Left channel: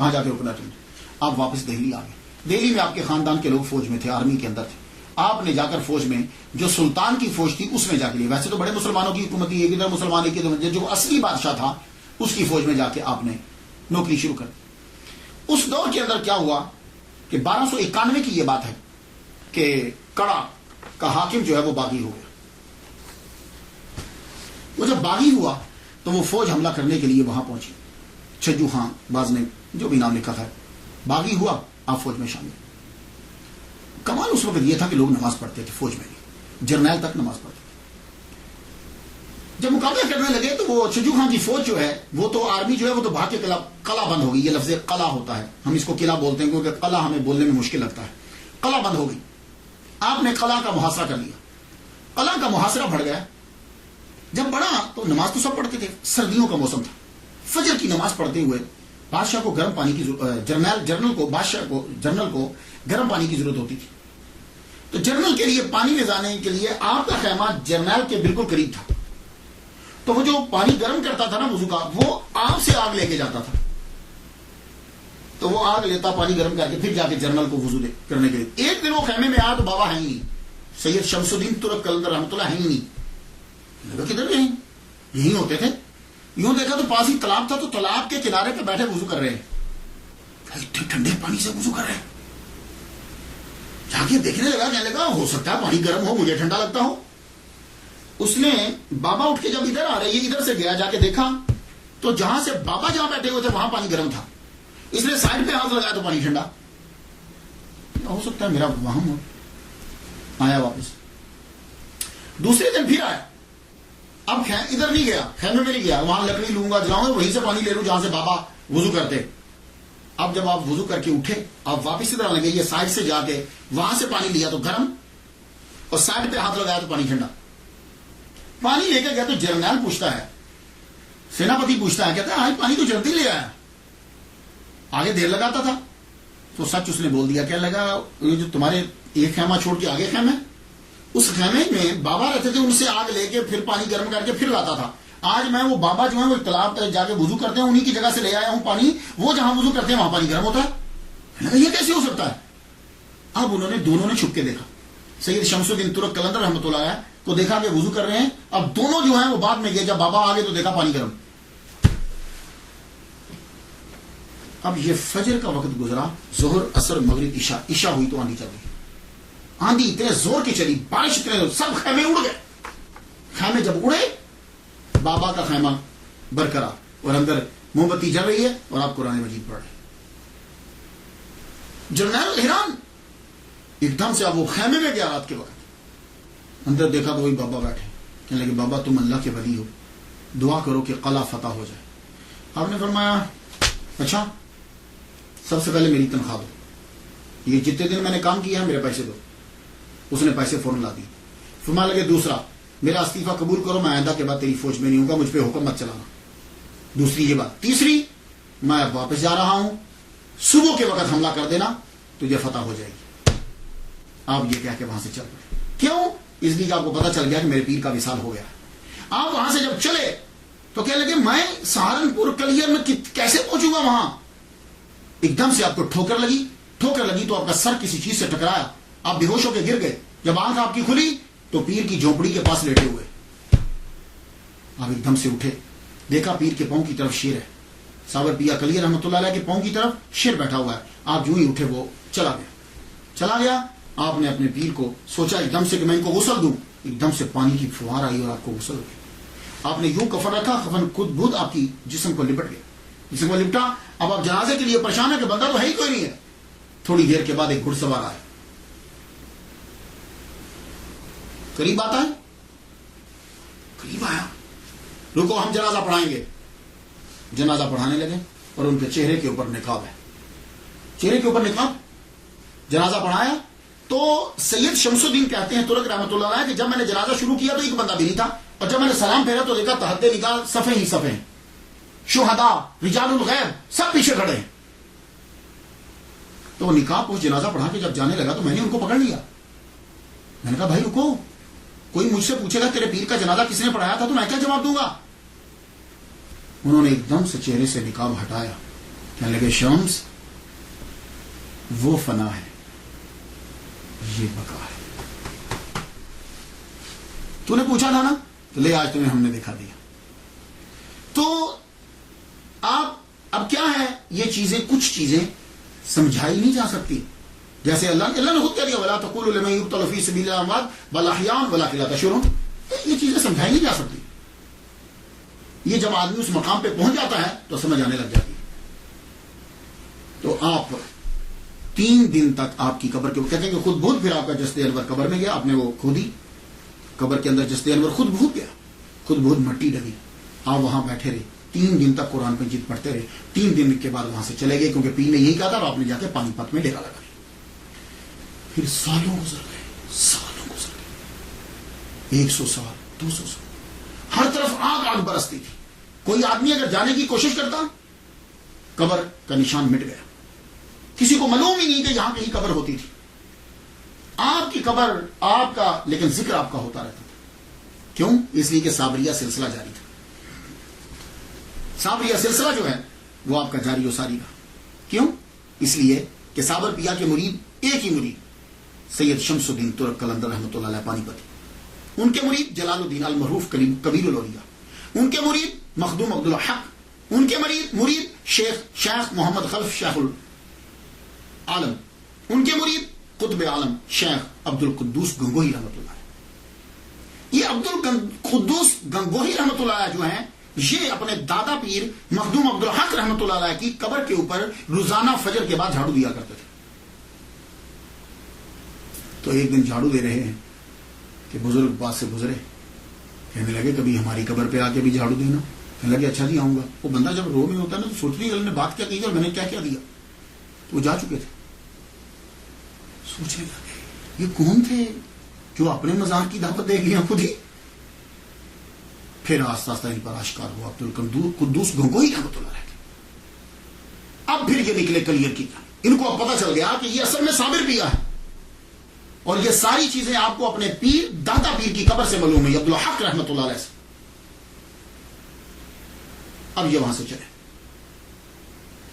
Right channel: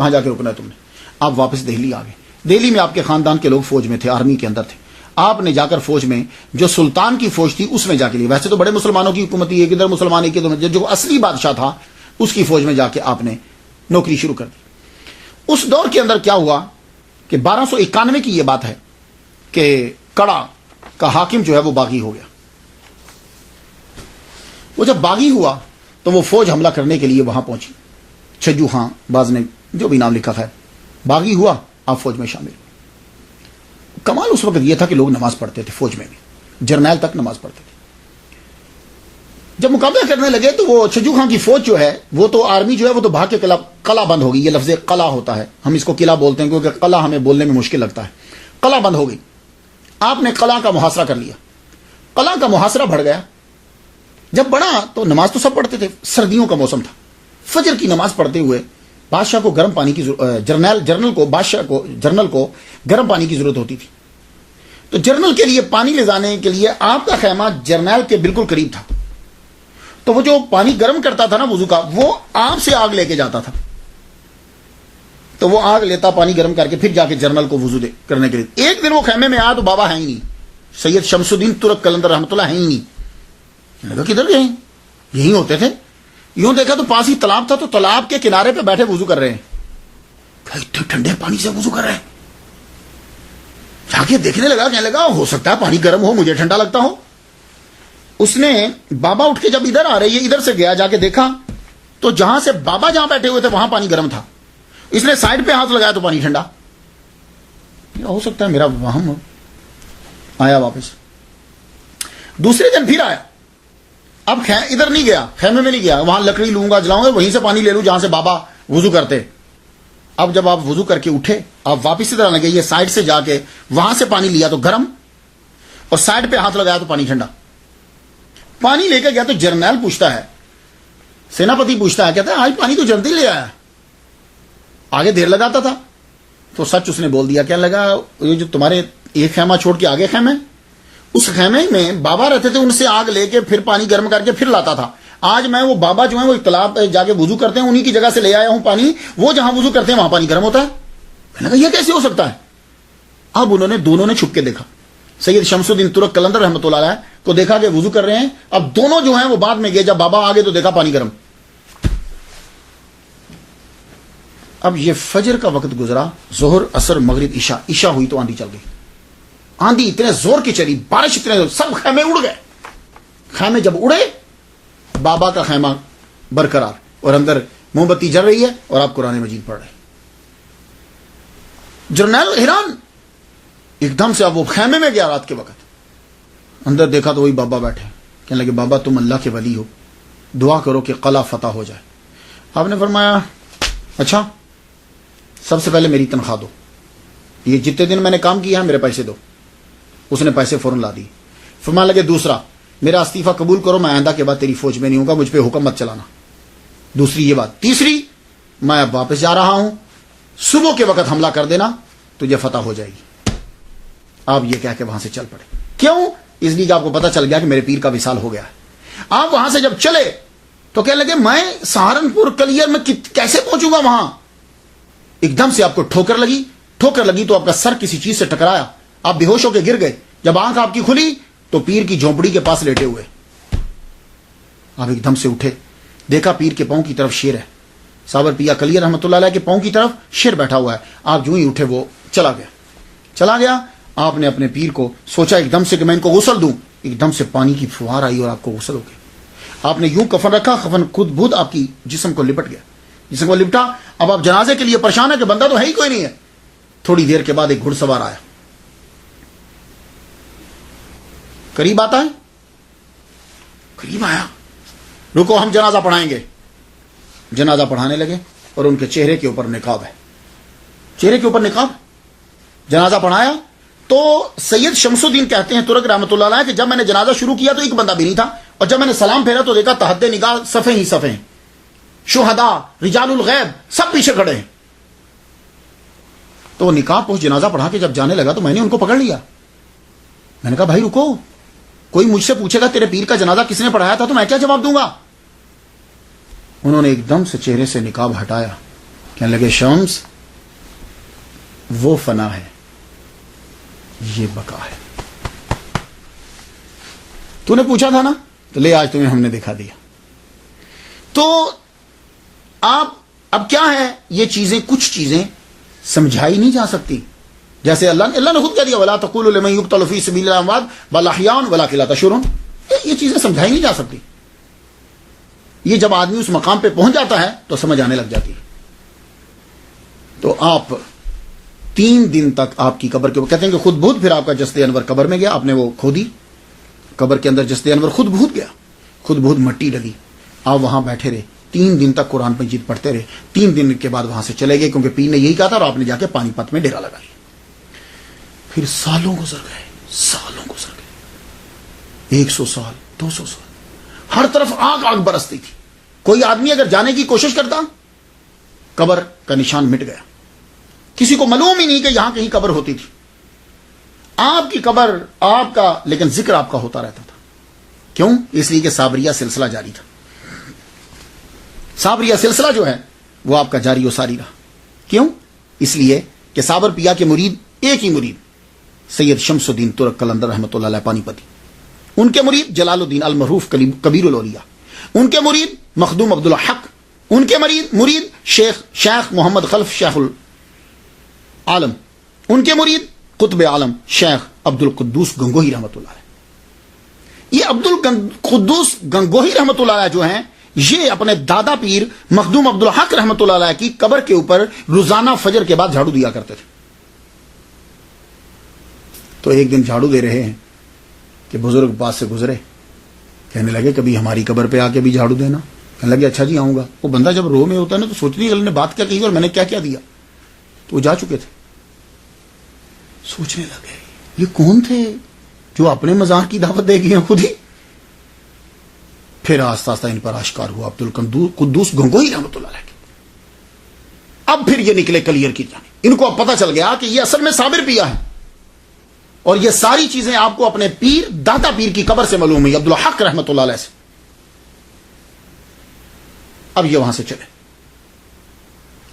کہاں جا کے رکنا ہے تم نے؟ آپ واپس دہلی آ گئے. دہلی میں آپ کے خاندان کے لوگ فوج میں تھے، آرمی کے اندر تھے. آپ نے جا کر فوج میں جو سلطان کی فوج تھی اس میں جا کے لی. ویسے تو بڑے مسلمانوں کی حکومت تھی، ایک ادھر مسلمان ایک ادھر، جو اصلی بادشاہ تھا اس کی فوج میں جا کے آپ نے نوکری شروع کر دی. اس دور کے اندر کیا ہوا کہ 1291 کی یہ بات ہے کہ کڑا کا حاکم جو ہے وہ باغی ہو گیا. وہ جب باغی ہوا تو وہ فوج حملہ کرنے کے لیے وہاں پہنچی. چھجو خان باز نے جو بھی نام لکھا ہے، باغی ہوا، آپ فوج میں شامل. کمال اس وقت یہ تھا کہ لوگ نماز پڑھتے تھے، فوج میں بھی جرنیل تک نماز پڑھتے تھے. جب مقابلہ کرنے لگے تو وہ چھجو خان کی فوج جو ہے وہ تو آرمی جو ہے وہ تو بھاگ کے قلعہ بند ہو گئی. یہ لفظ قلعہ ہوتا ہے، ہم اس کو قلعہ بولتے ہیں کیونکہ قلعہ ہمیں بولنے میں مشکل لگتا ہے. قلعہ بند ہو گئی. آپ نے قلعہ کا محاصرہ کر لیا. قلعہ کا محاصرہ بڑھ گیا. جب بڑھا تو نماز تو سب پڑھتے تھے، سردیوں کا موسم تھا. فجر کی نماز پڑھتے ہوئے بادشاہ کو گرم پانی کی جرنل کو گرم پانی کی ضرورت ہوتی تھی. تو جرنل کے لیے پانی لے جانے کے لیے آپ کا خیمہ جرنیل کے بالکل قریب تھا. تو وہ جو پانی گرم کرتا تھا نا وضو کا، وہ آپ سے آگ لے کے جاتا تھا. تو وہ آگ لیتا پانی گرم کر کے پھر جا کے جرنل کو وضو کرنے کے لیے. ایک دن وہ خیمے میں آیا تو بابا ہے ہی نہیں، سید شمس الدین ترک قلندر رحمۃ اللہ ہے ہی نہیں. میں نے کہا کدھر گئے؟ یہیں ہوتے تھے. یوں دیکھا تو پاس ہی تالاب تھا، تو تالاب کے کنارے پہ بیٹھے وضو کر رہے ہیں. اتنے ٹھنڈے پانی سے وضو کر رہے ہیں. جا کے دیکھنے لگا، کہنے لگا ہو سکتا ہے پانی گرم ہو، مجھے ٹھنڈا لگتا ہو. اس نے بابا اٹھ کے جب ادھر آ رہے یہ ادھر سے گیا، جا کے دیکھا تو جہاں سے بابا جہاں بیٹھے ہوئے تھے وہاں پانی گرم تھا. اس نے سائڈ پہ ہاتھ لگایا تو پانی ٹھنڈا. ہو سکتا ہے میرا وہم ہو. آیا واپس. دوسرے دن پھر آیا. اب ادھر نہیں گیا، خیمے میں نہیں گیا، وہاں لکڑی لوں گا جلاؤں گا، وہیں سے پانی لے لوں جہاں سے بابا وضو کرتے. اب جب آپ وضو کر کے اٹھے، آپ واپس ادھر آنے گئے، یہ سائڈ سے جا کے وہاں سے پانی لیا تو گرم، اور سائڈ پہ ہاتھ لگایا تو پانی ٹھنڈا. پانی لے کے گیا تو جرنیل پوچھتا ہے، سیناپتی پوچھتا ہے، کہتا ہے آج پانی تو جلدی لے آیا، آگے دیر لگاتا تھا. تو سچ اس نے بول دیا. کہنے لگا یہ جو تمہارے ایک خیمہ چھوڑ کے آگے خیمے، اس خیمے میں بابا رہتے تھے، ان سے آگ لے کے پھر پانی گرم کر کے پھر لاتا تھا. آج میں وہ بابا جو ہیں وہ تالاب پہ جا کے وضو کرتے ہیں، انہی کی جگہ سے لے آیا ہوں پانی. وہ جہاں وضو کرتے ہیں وہاں پانی گرم ہوتا ہے. میں نے کہا یہ کیسے ہو سکتا ہے؟ اب دونوں نے چھپ کے دیکھا. سید شمس الدین ترک قلندر رحمۃ اللہ علیہ کو دیکھا کہ وضو کر رہے ہیں. اب دونوں جو ہیں وہ بعد میں گئے، جب بابا آگے تو دیکھا پانی گرم. اب یہ فجر کا وقت گزرا، ظہر اثر مغرب عشاء ہوئی تو آندھی چل گئی. آندھی اتنے زور کی چلی، بارش اتنے زور، سب خیمے اڑ گئے. خیمے جب اڑے، بابا کا خیمہ برقرار اور اندر موم بتی جل رہی ہے اور آپ قرآن مجید پڑھ رہے ہیں. جرنیل حیران. ایک دم سے اب وہ خیمے میں گیا رات کے وقت، اندر دیکھا تو وہی بابا بیٹھے. کہنے لگے بابا تم اللہ کے ولی ہو، دعا کرو کہ قلعہ فتح ہو جائے. آپ نے فرمایا اچھا سب سے پہلے میری تنخواہ دو، یہ جتنے دن میں نے کام کیا ہے میرے پیسے دو. اس نے پیسے فوراً لا دی. فرمانے لگے دوسرا میرا استعفیٰ قبول کرو، میں آئندہ کے بعد تیری فوج میں نہیں ہوں گا، مجھ پہ حکم مت چلانا. دوسری یہ بات. تیسری میں اب واپس جا رہا ہوں، صبح کے وقت حملہ کر دینا، تجھے فتح ہو جائے گی. آپ یہ کہہ کے وہاں سے چل پڑے. کیوں؟ اس لیے کہ آپ کو پتا چل گیا کہ میرے پیر کا وصال ہو گیا. آپ وہاں سے جب چلے تو کہنے لگے میں سہارنپور کلیئر میں کیسے پہنچوں گا وہاں. ایک دم سے آپ کو ٹھوکر لگی تو آپ کا سر کسی چیز سے ٹکرایا، آپ بے ہوش ہو کے گر گئے. جب آنکھ آپ کی کھلی تو پیر کی جھونپڑی کے پاس لیٹے ہوئے. آپ ایک دم سے اٹھے، دیکھا پیر کے پاؤں کی طرف شیر ہے. صابر پیا کلیئر رحمۃ اللہ علیہ کے پاؤں کی طرف شیر بیٹھا ہوا ہے. آپ جو ہی اٹھے وہ چلا گیا. آپ نے اپنے پیر کو سوچا ایک دم سے کہ میں ان کو غسل دوں. ایک دم سے پانی کی فوار آئی اور آپ کو غسل ہو گئی. آپ نے یوں کفن رکھا، کفن خود بخود آپ کی جسم کو لپٹ گیا. جسم کو لپٹا. اب آپ جنازے کے لیے پریشان ہے کہ بندہ تو ہے ہی کوئی نہیں ہے. تھوڑی دیر کے بعد ایک گھڑ سوار آیا، قریب آتا ہے، قریب آیا. رکو ہم جنازہ پڑھائیں گے. جنازہ پڑھانے لگے اور ان کے چہرے کے اوپر نقاب ہے. جنازہ پڑھایا تو سید شمس الدین کہتے ہیں ترک رحمۃ اللہ علیہ کہ جب میں نے جنازہ شروع کیا تو ایک بندہ بھی نہیں تھا، اور جب میں نے سلام پھیرا تو دیکھا تحت نگاہ صفیں ہی صفیں، شہداء، رجال الغیب سب پیچھے کھڑے ہیں. تو نکاح پوچھ جنازہ پڑھا کے جب جانے لگا تو میں نے ان کو پکڑ لیا. میں نے کہا بھائی رکو، کوئی مجھ سے پوچھے گا تیرے پیر کا جنازہ کس نے پڑھایا تھا تو میں کیا جواب دوں گا. انہوں نے ایک دم سے چہرے سے نقاب ہٹایا. کہنے لگے شمس وہ فنا ہے یہ بقا ہے. تو نے پوچھا تھا نا تو لے آج تمہیں ہم نے دکھا دیا. تو آپ اب کیا ہے یہ چیزیں کچھ چیزیں سمجھائی نہیں جا سکتی. جیسے اللہ نے خود کہہ دیا ولا تقولوا لمن يقتل في سبيل الله اموات بل احياء ولكن لا تشعرون. یہ چیزیں سمجھائی نہیں جا سکتی. یہ جب آدمی اس مقام پہ پہنچ جاتا ہے تو سمجھ آنے لگ جاتی ہے. تو آپ 3 دن تک آپ کی قبر کے کہتے ہیں کہ خود بہت پھر آپ کا جسد انور قبر میں گیا, آپ نے وہ کھودی قبر کے اندر جسد انور خود بہت گیا, خود بہت مٹی ڈلی. آپ وہاں بیٹھے رہے 3 دن تک قرآن مجید پڑھتے رہے. 3 دن کے بعد وہاں سے چلے گئے کیونکہ پیر نے یہی کہا تھا اور آپ نے جا کے پانی پت میں ڈیرا لگا لیا. پھر سالوں گزر گئے, سالوں گزر گئے, 100 سال 200 سال, ہر طرف آگ آگ برستی تھی. کوئی آدمی اگر جانے کی کوشش کرتا قبر کا نشان مٹ گیا. کسی کو معلوم ہی نہیں کہ یہاں کہیں قبر ہوتی تھی. آپ کی قبر آپ کا لیکن ذکر آپ کا ہوتا رہتا تھا. کیوں؟ اس لیے کہ صابریہ سلسلہ جاری تھا. صابریہ سلسلہ جو ہے وہ آپ کا جاری و ساری رہا. کیوں؟ اس لیے کہ صابر پیا کے مرید ایک ہی مرید سید شمس الدین ترک قلندر رحمۃ اللہ علیہ پانی پتی, ان کے مرید جلال الدین المعروف کبیر الاولیاء, ان کے مرید مخدوم عبد الحق, ان کے مرید شیخ محمد خلف شیخ العالم, ان کے مرید قطب عالم شیخ عبد القدوس گنگوہی رحمۃ اللہ علیہ. یہ عبد القدوس گنگوہی رحمۃ اللہ علیہ جو ہیں یہ اپنے دادا پیر مخدوم عبد الحق رحمۃ اللہ علیہ کی قبر کے اوپر روزانہ فجر کے بعد جھاڑو دیا کرتے تھے. تو ایک دن جھاڑو دے رہے ہیں کہ بزرگ پاس سے گزرے, کہنے لگے کبھی ہماری قبر پہ آ کے بھی جھاڑو دینا. کہنے لگے اچھا جی آؤں گا. وہ بندہ جب رو میں ہوتا ہے نا تو سوچتی ہے اللہ نے بات کیا کہی اور میں نے کیا کیا دیا. تو وہ جا چکے تھے. سوچنے لگے یہ کون تھے جو اپنے مزار کی دعوت دے گئے ہیں خود ہی. پھر آہستہ آہستہ ان پر آشکار ہوا عبد القدوس گنگوہی رحمۃ اللہ علیہ. اب پھر یہ نکلے کلیئر کی جانے. ان کو اب پتہ چل گیا کہ یہ اصل میں صابر پیا ہے اور یہ ساری چیزیں آپ کو اپنے پیر دادا پیر کی قبر سے معلوم ہوئی عبد الحق رحمۃ اللہ علیہ سے. اب یہ وہاں سے چلے.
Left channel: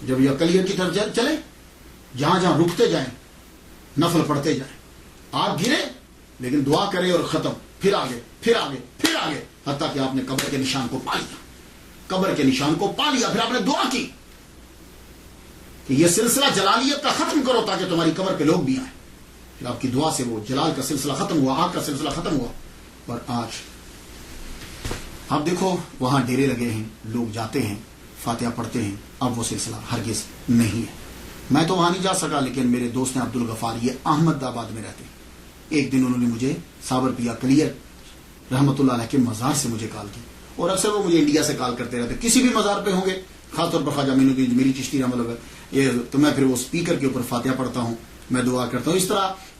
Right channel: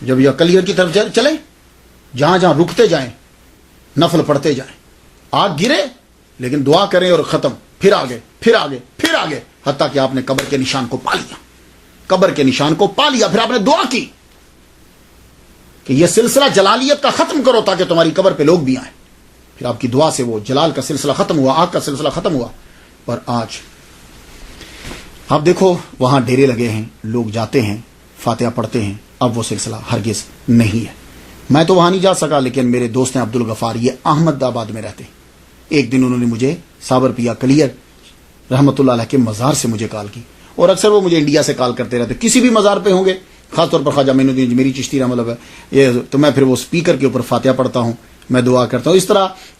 جب یہ کلیئر کی طرف چلے جہاں جہاں رکتے جائیں نفل پڑھتے جائیں, آگ گرے لیکن دعا کریں اور ختم, پھر آگے پھر آگے پھر آگے, حتیٰ کہ آپ نے قبر کے نشان کو پا لیا. قبر کے نشان کو پا لیا. پھر آپ نے دعا کی کہ یہ سلسلہ جلالیت کا ختم کرو تاکہ تمہاری قبر پہ لوگ بھی آئیں. پھر آپ کی دعا سے وہ جلال کا سلسلہ ختم ہوا, آگ کا سلسلہ ختم ہوا. اور آج آپ دیکھو وہاں ڈیرے لگے ہیں, لوگ جاتے ہیں فاتحہ پڑھتے ہیں. اب وہ سلسلہ ہرگز نہیں ہے. میں تو وہاں نہیں جا سکا لیکن میرے دوست ہیں عبد الغفار, یہ احمد آباد میں رہتے ہیں. ایک دن انہوں نے مجھے صابر پیا کلیئر رحمۃ اللہ علیہ کے مزار سے مجھے کال کی, اور اکثر وہ مجھے انڈیا سے کال کرتے رہتے. کسی بھی مزار پہ ہوں گے, خاص طور پر خواجہ معین الدین اجمیری چشتی رحمۃ اللہ یہ, تو میں پھر وہ اسپیکر کے اوپر فاتحہ پڑھتا ہوں, میں دعا کرتا ہوں.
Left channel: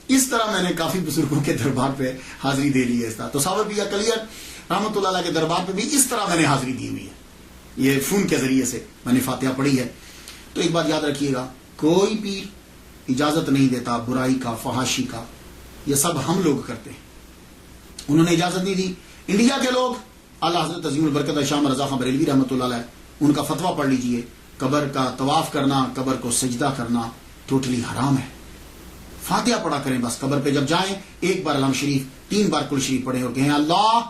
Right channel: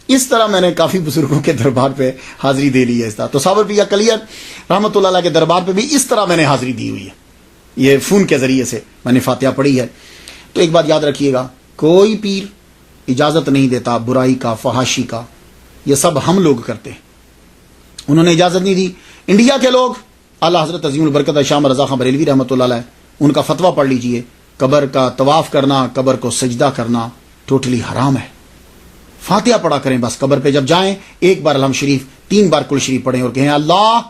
اس طرح میں نے کافی بزرگوں کے دربار پہ حاضری دے لی ہے. اس طرح تو صابر پیا کلیئر رحمۃ اللہ علیہ کے دربار پہ بھی اس طرح میں نے حاضری دی ہوئی ہے. یہ فون کے ذریعے سے میں نے فاتحہ پڑھی ہے. تو ایک بات یاد رکھیے گا, کوئی پیر اجازت نہیں دیتا برائی کا, فحاشی کا. یہ سب ہم لوگ کرتے ہیں. انہوں نے اجازت نہیں دی. انڈیا کے لوگ اعلیٰ حضرت عظیم البرکت شاہ رضا خان بریلوی رحمۃ اللہ علیہ, ان کا فتویٰ پڑھ لیجئے. قبر کا طواف کرنا, قبر کو سجدہ کرنا ٹوٹلی حرام ہے. فاتحہ پڑھا کریں بس. قبر پہ جب جائیں 1 بار الحمد شریف, 3 بار کل شریف پڑھیں اور کہیں اللہ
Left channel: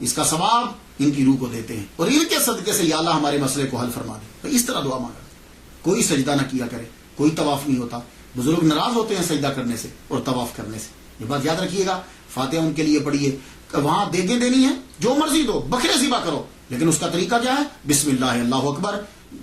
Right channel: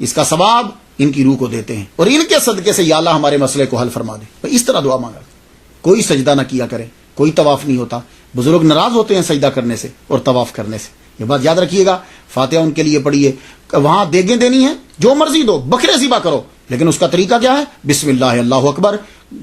اس کا ثواب ان کی روح کو دیتے ہیں اور ان کے صدقے سے یا اللہ ہمارے مسئلے کو حل فرما دے. اس طرح دعا مانگا. کوئی سجدہ نہ کیا کرے, کوئی طواف نہیں ہوتا. بزرگ ناراض ہوتے ہیں سجدہ کرنے سے اور طواف کرنے سے. یہ بات یاد رکھیے گا. فاتحہ ان کے لیے پڑھیے. وہاں دیگیں دینی ہے جو مرضی دو, بکرے ذبح کرو, لیکن اس کا طریقہ کیا ہے؟ بسم اللہ اللہ اکبر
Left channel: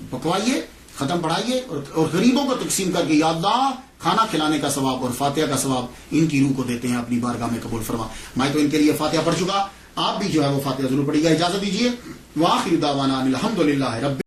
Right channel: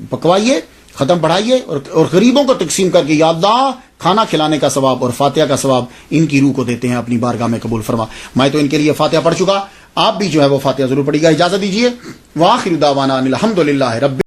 پکوائیے, ختم پڑھائیے اور غریبوں کو تقسیم کر کے یا اللہ کھانا کھلانے کا ثواب اور فاتحہ کا ثواب ان کی روح کو دیتے ہیں, اپنی بارگاہ میں قبول فرما. میں تو ان کے لیے فاتحہ پڑھ چکا, آپ بھی جو ہے وہ فاتحہ ضرور پڑھیے گا. اجازت دیجیے. وآخر دعوانا ان الحمد للہ رب